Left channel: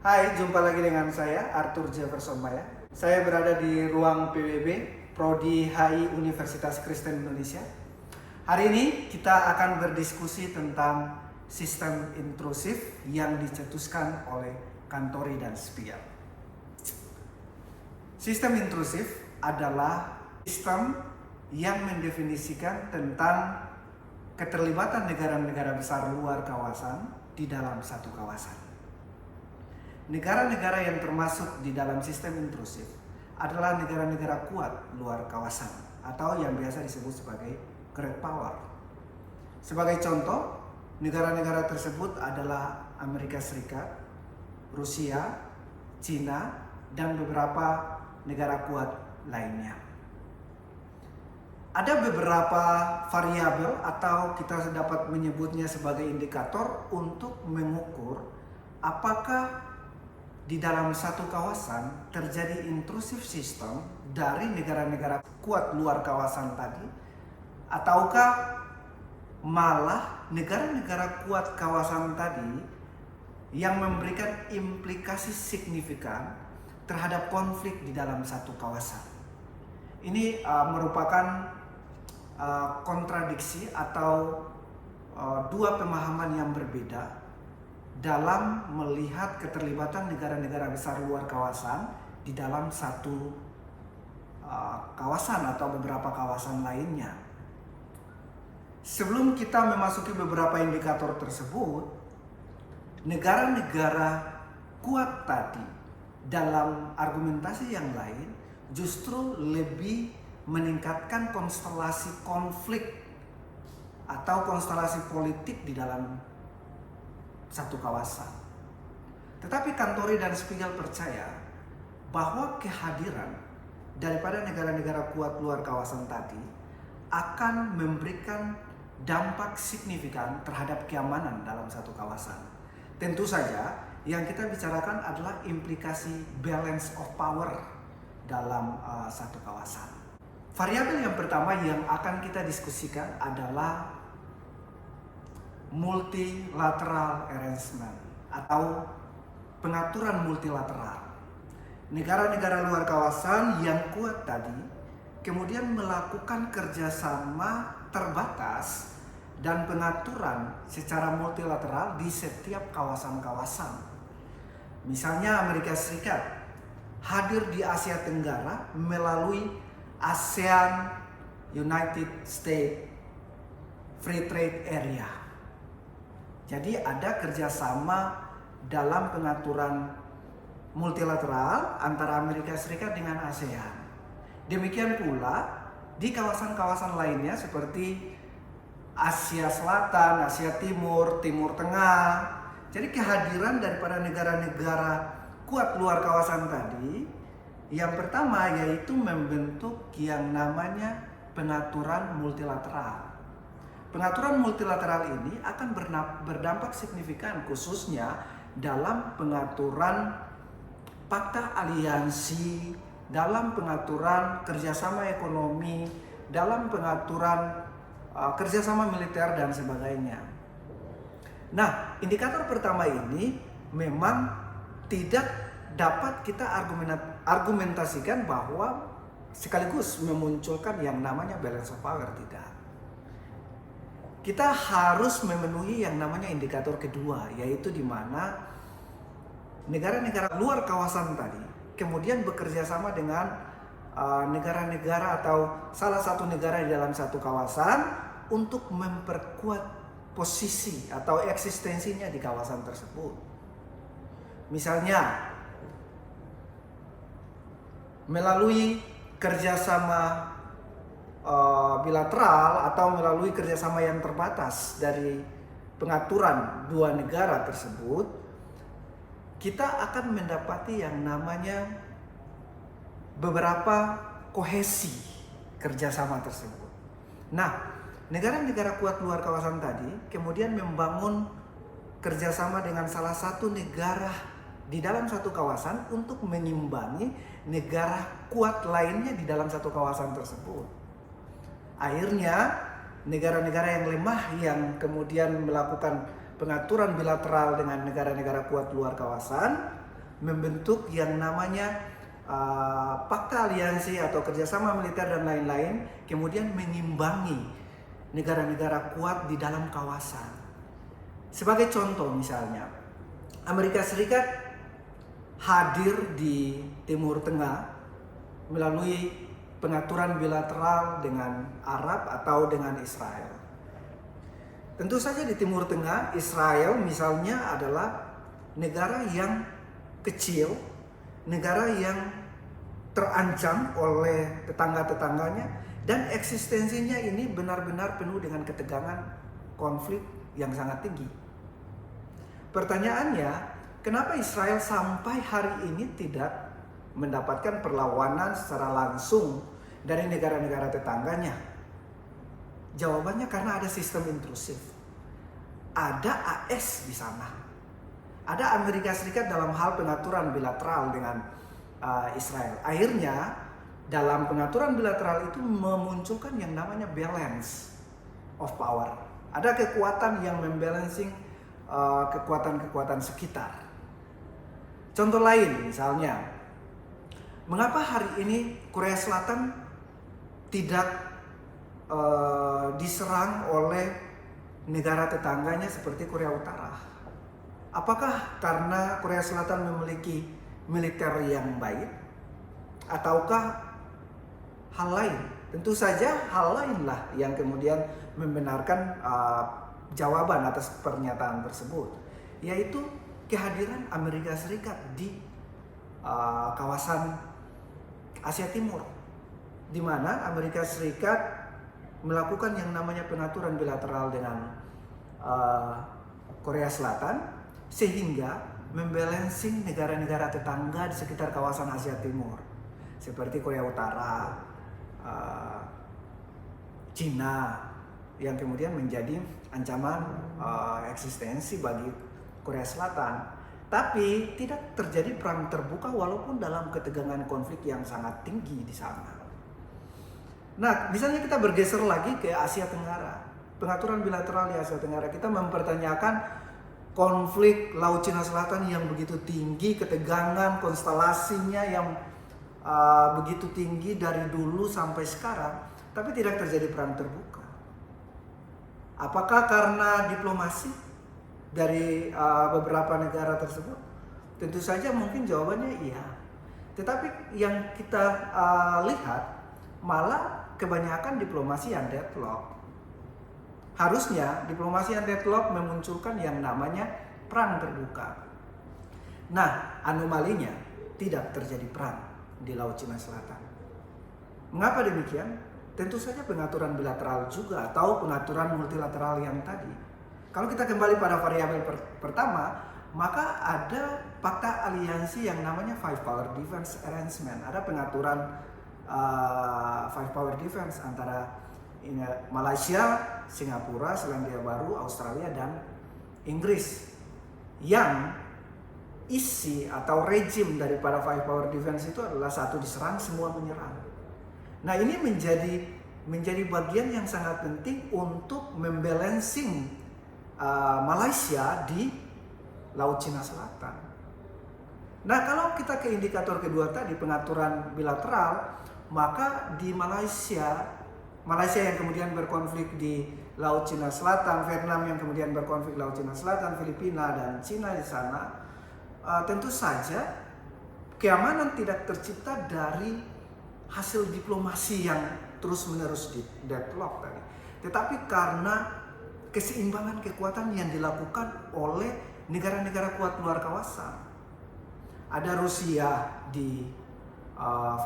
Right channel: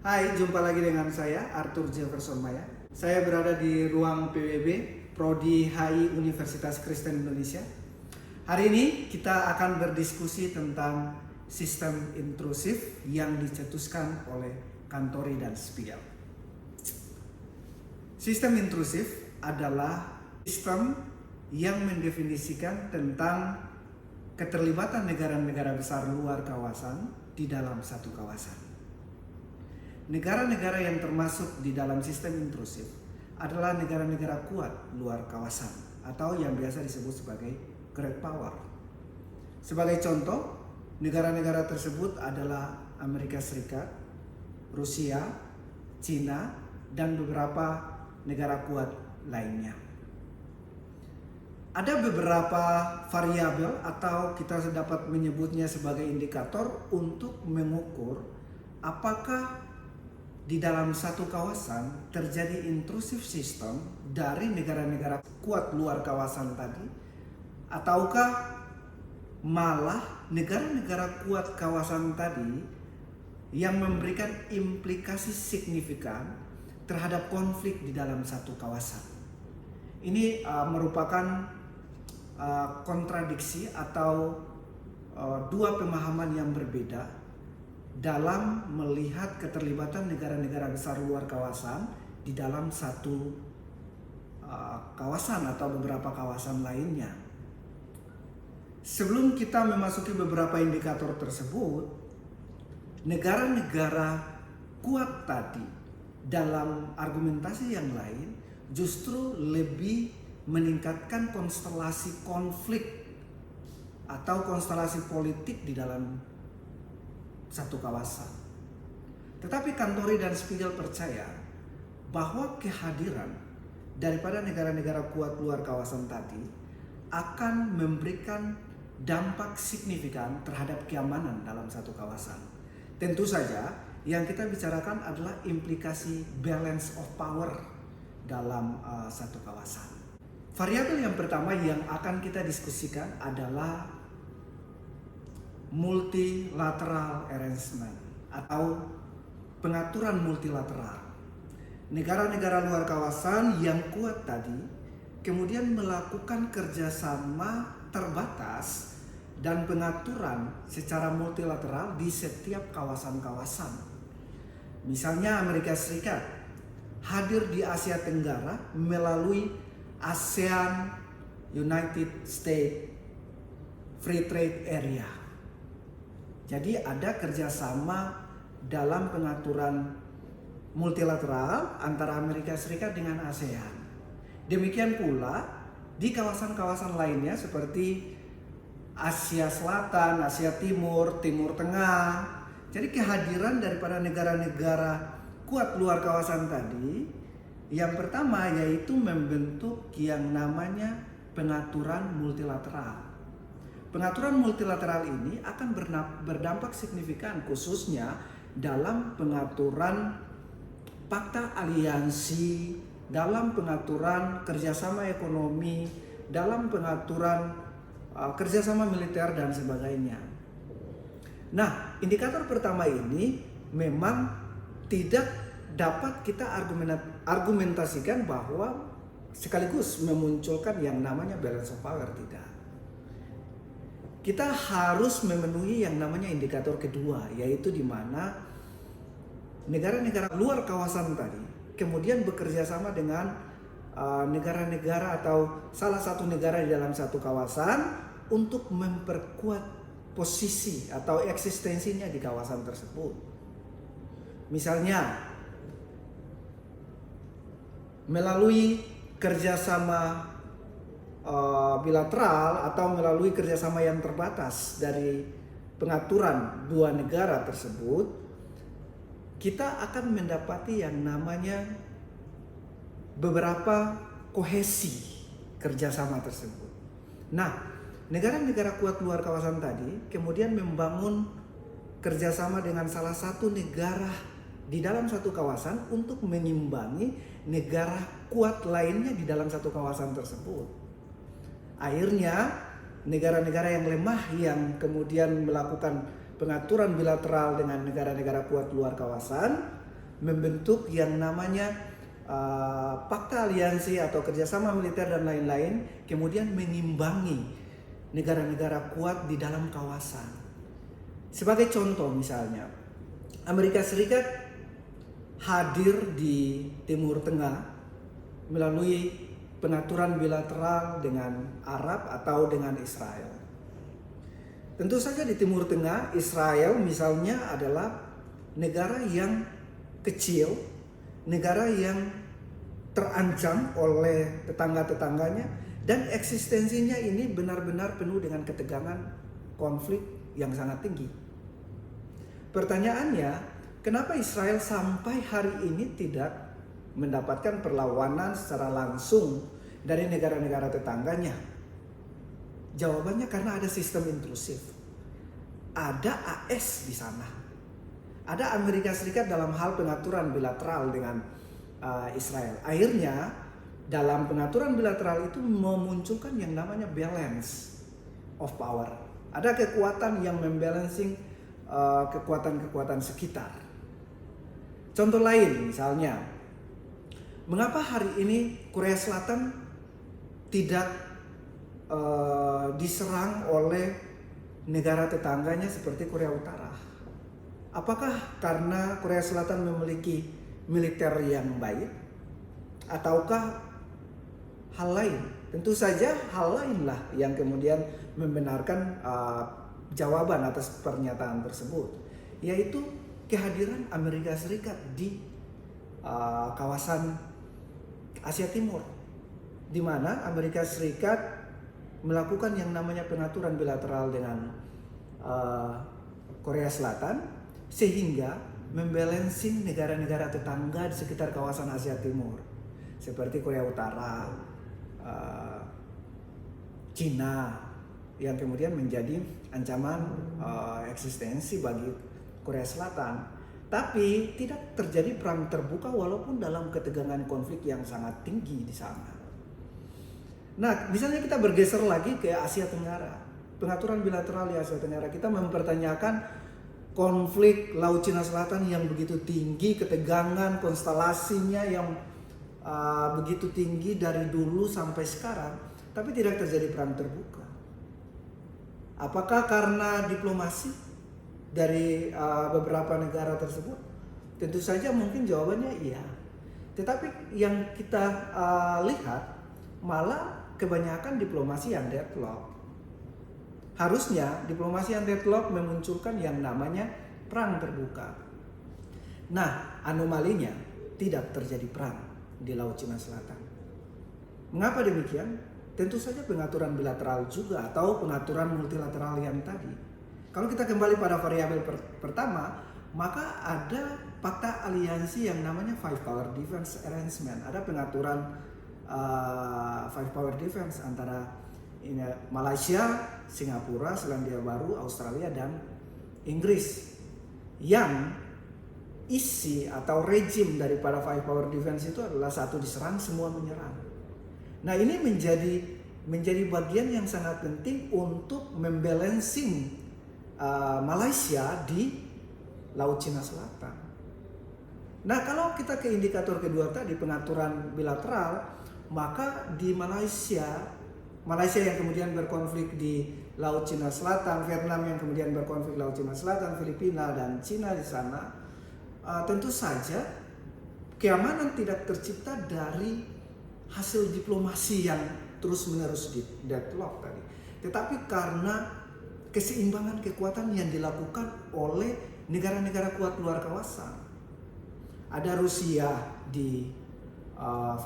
Hai, jumpa lagi dengan saya Arthur Jefferson Maya. Saya berada di ruang PWB Prodi HI Universitas Kristen Indonesia. Hari ini kita akan berdiskusi tentang sistem intrusif yang dicetuskan oleh Cantori dan Spiegel. Sistem intrusif adalah sistem yang mendefinisikan tentang keterlibatan negara-negara besar luar kawasan di dalam satu kawasan. Negara-negara yang termasuk di dalam sistem intrusif adalah negara-negara kuat luar kawasan atau yang biasa disebut sebagai great power. Sebagai contoh, negara-negara tersebut adalah Amerika Serikat, Rusia, Cina, dan beberapa negara kuat lainnya. Ada beberapa variabel atau kita dapat menyebutnya sebagai indikator untuk mengukur apakah di dalam satu kawasan terjadi intrusif sistem dari negara-negara kuat luar kawasan tadi, ataukah malah negara-negara kuat kawasan tadi yang memberikan implikasi signifikan terhadap konflik di dalam satu kawasan. Ini merupakan kontradiksi atau dua pemahaman yang berbeda dalam melihat keterlibatan negara-negara besar luar kawasan di dalam satu kawasan atau beberapa kawasan lainnya. Sebelum kita memasuki beberapa indikator tersebut, negara-negara kuat tadi dalam argumentasi yang lain justru lebih meningkatkan konstelasi konflik atau konstelasi politik di dalam satu kawasan. Tetapi Cantori dan Spiegel percaya bahwa kehadiran daripada negara-negara kuat luar kawasan tadi akan memberikan dampak signifikan terhadap keamanan dalam satu kawasan. Tentu saja yang kita bicarakan adalah implikasi balance of power dalam satu kawasan. Variabel yang pertama yang akan kita diskusikan adalah multilateral arrangement atau pengaturan multilateral. Negara-negara luar kawasan yang kuat tadi kemudian melakukan kerjasama terbatas dan pengaturan secara multilateral di setiap kawasan-kawasan. Misalnya Amerika Serikat hadir di Asia Tenggara melalui ASEAN United States Free Trade Area. Jadi ada kerjasama dalam pengaturan multilateral antara Amerika Serikat dengan ASEAN. Demikian pula di kawasan-kawasan lainnya seperti Asia Selatan, Asia Timur, Timur Tengah. Jadi kehadiran daripada negara-negara kuat luar kawasan tadi, yang pertama yaitu membentuk yang namanya pengaturan multilateral. Pengaturan multilateral ini akan berdampak signifikan khususnya dalam pengaturan fakta aliansi, dalam pengaturan kerjasama ekonomi, dalam pengaturan kerjasama militer dan sebagainya. Nah, indikator pertama ini memang tidak dapat kita argumentasikan bahwa sekaligus memunculkan yang namanya balance of power, tidak. Kita harus memenuhi yang namanya indikator kedua, yaitu di mana negara-negara luar kawasan tadi kemudian bekerja sama dengan negara-negara atau salah satu negara di dalam satu kawasan untuk memperkuat posisi atau eksistensinya di kawasan tersebut. Misalnya melalui kerjasama bilateral atau melalui kerjasama yang terbatas dari pengaturan dua negara tersebut, kita akan mendapati yang namanya beberapa kohesi kerjasama tersebut. Nah, negara-negara kuat luar kawasan tadi kemudian membangun kerjasama dengan salah satu negara di dalam satu kawasan untuk mengimbangi negara kuat lainnya di dalam satu kawasan tersebut. Akhirnya negara-negara yang lemah yang kemudian melakukan pengaturan bilateral dengan negara-negara kuat luar kawasan membentuk yang namanya Pakta Aliansi atau kerjasama militer dan lain-lain, kemudian mengimbangi negara-negara kuat di dalam kawasan. Sebagai contoh misalnya, Amerika Serikat hadir di Timur Tengah melalui pengaturan bilateral dengan Arab atau dengan Israel. Tentu saja di Timur Tengah, Israel misalnya adalah negara yang kecil, negara yang terancam oleh tetangga-tetangganya, dan eksistensinya ini benar-benar penuh dengan ketegangan, konflik yang sangat tinggi. Pertanyaannya, kenapa Israel sampai hari ini tidak mendapatkan perlawanan secara langsung dari negara-negara tetangganya? Jawabannya karena ada sistem intrusif. Ada AS di sana. Ada Amerika Serikat dalam hal pengaturan bilateral dengan Israel. Akhirnya dalam pengaturan bilateral itu memunculkan yang namanya balance of power. Ada kekuatan yang membalancing kekuatan-kekuatan sekitar. Contoh lain misalnya, mengapa hari ini Korea Selatan tidak diserang oleh negara tetangganya seperti Korea Utara? Apakah karena Korea Selatan memiliki militer yang baik, ataukah hal lain? Tentu saja hal lainlah yang kemudian membenarkan jawaban atas pernyataan tersebut, yaitu kehadiran Amerika Serikat di kawasan Asia Timur, di mana Amerika Serikat melakukan yang namanya pengaturan bilateral dengan Korea Selatan, sehingga membalancing negara-negara tetangga di sekitar kawasan Asia Timur seperti Korea Utara, Cina, yang kemudian menjadi ancaman eksistensi bagi Korea Selatan. Tapi tidak terjadi perang terbuka walaupun dalam ketegangan konflik yang sangat tinggi di sana. Nah, misalnya kita bergeser lagi ke Asia Tenggara, pengaturan bilateral di Asia Tenggara, kita mempertanyakan konflik Laut Cina Selatan yang begitu tinggi, ketegangan konstelasinya yang begitu tinggi dari dulu sampai sekarang, tapi tidak terjadi perang terbuka. Apakah karena diplomasi dari beberapa negara tersebut? Tentu saja mungkin jawabannya iya. Tetapi yang kita lihat malah kebanyakan diplomasi yang deadlock. Harusnya diplomasi yang deadlock memunculkan yang namanya perang terbuka. Nah, anomalinya tidak terjadi perang di Laut Cina Selatan. Mengapa demikian? Tentu saja pengaturan bilateral juga atau pengaturan multilateral yang tadi. Kalau kita kembali pada variabel pertama, maka ada Pakta Aliansi yang namanya Five Power Defense Arrangement. Ada pengaturan Five Power Defense antara Malaysia, Singapura, Selandia Baru, Australia, dan Inggris, yang isi atau rejim daripada Five Power Defense itu adalah satu diserang, semua menyerang. Nah, ini menjadi bagian yang sangat penting untuk membalancing Malaysia di Laut Cina Selatan. Nah, kalau kita ke indikator kedua tadi, pengaturan bilateral, maka di Malaysia yang kemudian berkonflik di Laut Cina Selatan, Vietnam yang kemudian berkonflik Laut Cina Selatan, Filipina dan Cina di sana, tentu saja keamanan tidak tercipta dari hasil diplomasi yang terus-menerus di deadlock tadi, tetapi karena keseimbangan kekuatan yang dilakukan oleh negara-negara kuat luar kawasan. Ada Rusia di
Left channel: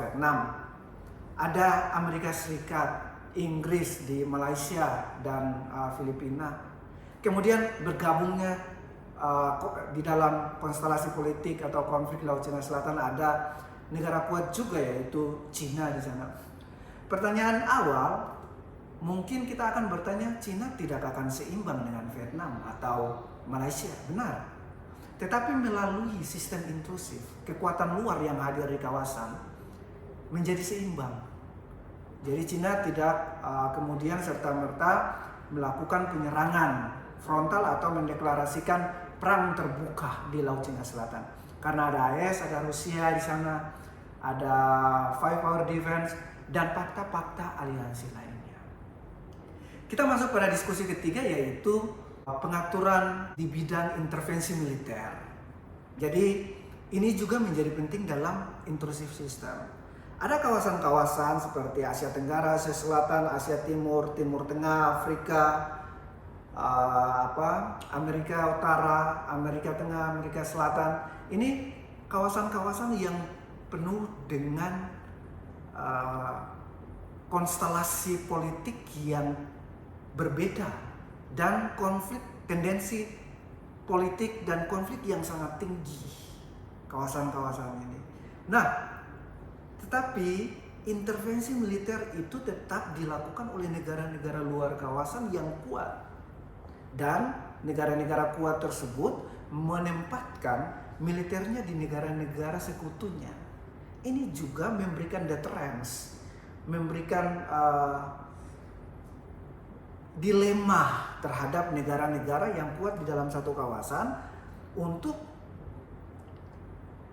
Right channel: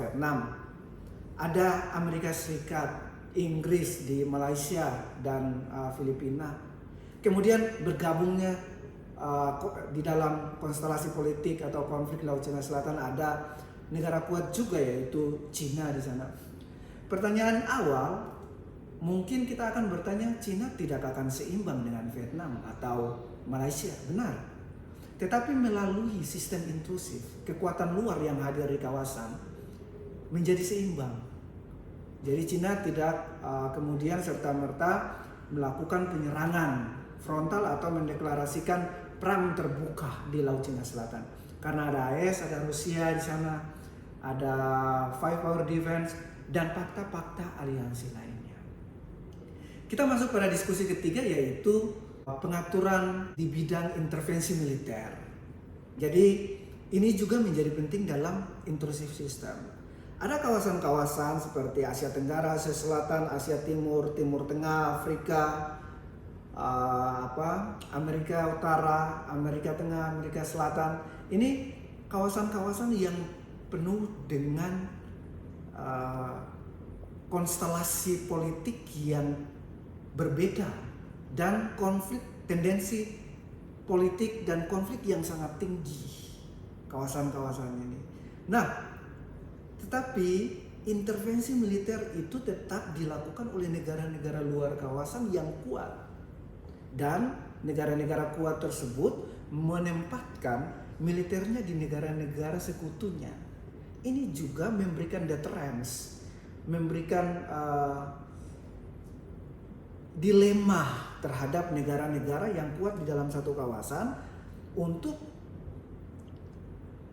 Vietnam, ada Amerika Serikat, Inggris di Malaysia dan Filipina. Kemudian bergabungnya di dalam konstelasi politik atau konflik Laut Cina Selatan ada negara kuat juga, yaitu Cina di sana. Pertanyaan awal, mungkin kita akan bertanya, Cina tidak akan seimbang dengan Vietnam atau Malaysia, benar. Tetapi melalui sistem intrusif, kekuatan luar yang hadir di kawasan menjadi seimbang. Jadi Cina tidak kemudian serta-merta melakukan penyerangan frontal atau mendeklarasikan perang terbuka di Laut Cina Selatan. Karena ada AS, ada Rusia di sana, ada Five Power Defense, dan fakta-fakta aliansi lainnya. Kita masuk pada diskusi ketiga, yaitu pengaturan di bidang intervensi militer. Jadi ini juga menjadi penting dalam intrusive system. Ada kawasan-kawasan seperti Asia Tenggara, Asia Selatan, Asia Timur, Timur Tengah, Afrika, Amerika Utara, Amerika Tengah, Amerika Selatan. Ini kawasan-kawasan yang penuh dengan konstelasi politik yang berbeda dan konflik, tendensi politik dan konflik yang sangat tinggi kawasan-kawasan ini. Nah, tetapi intervensi militer itu tetap dilakukan oleh negara-negara luar kawasan yang kuat, dan negara-negara kuat tersebut menempatkan militernya di negara-negara sekutunya. Ini juga memberikan deterrence, memberikan dilema terhadap negara-negara yang kuat di dalam satu kawasan untuk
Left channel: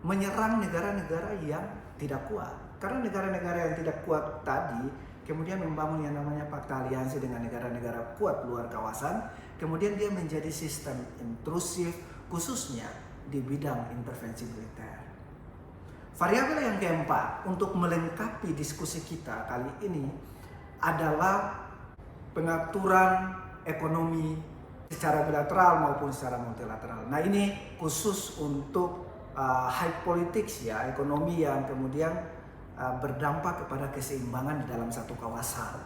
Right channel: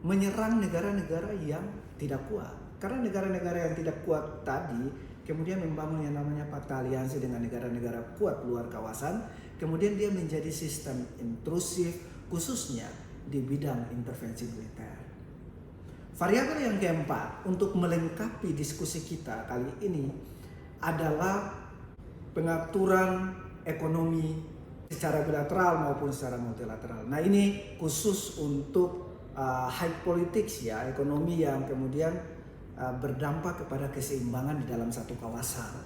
menyerang negara-negara yang tidak kuat. Karena negara-negara yang tidak kuat tadi kemudian membangun yang namanya fakta aliansi dengan negara-negara kuat luar kawasan, kemudian dia menjadi sistem intrusif khususnya di bidang intervensi militer. Variabel yang keempat untuk melengkapi diskusi kita kali ini adalah pengaturan ekonomi secara bilateral maupun secara multilateral. Nah, ini khusus untuk high politics ya, ekonomi yang kemudian berdampak kepada keseimbangan di dalam satu kawasan.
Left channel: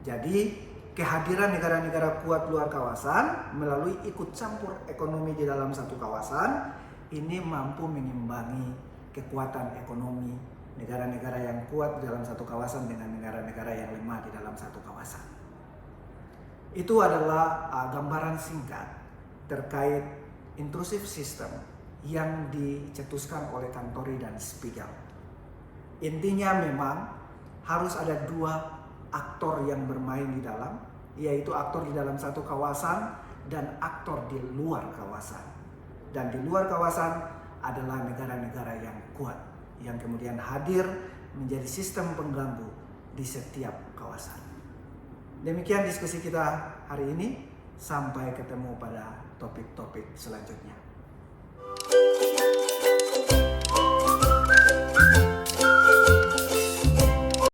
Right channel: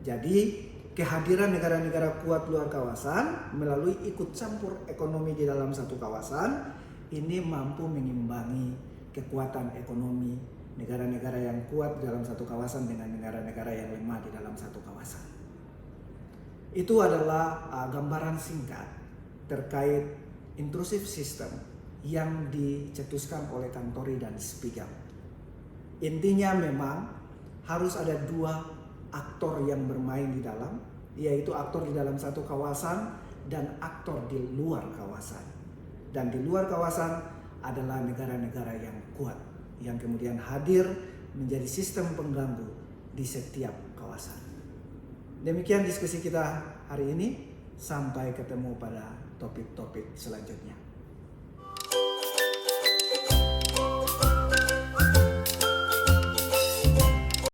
Jadi kehadiran negara-negara kuat luar kawasan melalui ikut campur ekonomi di dalam satu kawasan ini mampu mengimbangi kekuatan ekonomi negara-negara yang kuat di dalam satu kawasan dengan negara-negara yang lemah di dalam satu kawasan. Itu adalah gambaran singkat terkait intrusive system yang dicetuskan oleh Kantori dan Spiegel. Intinya memang harus ada dua aktor yang bermain di dalam, yaitu aktor di dalam satu kawasan dan aktor di luar kawasan. Dan di luar kawasan adalah negara-negara yang kuat, yang kemudian hadir menjadi sistem pengganggu di setiap kawasan. Demikian diskusi kita hari ini, sampai ketemu pada topik-topik selanjutnya.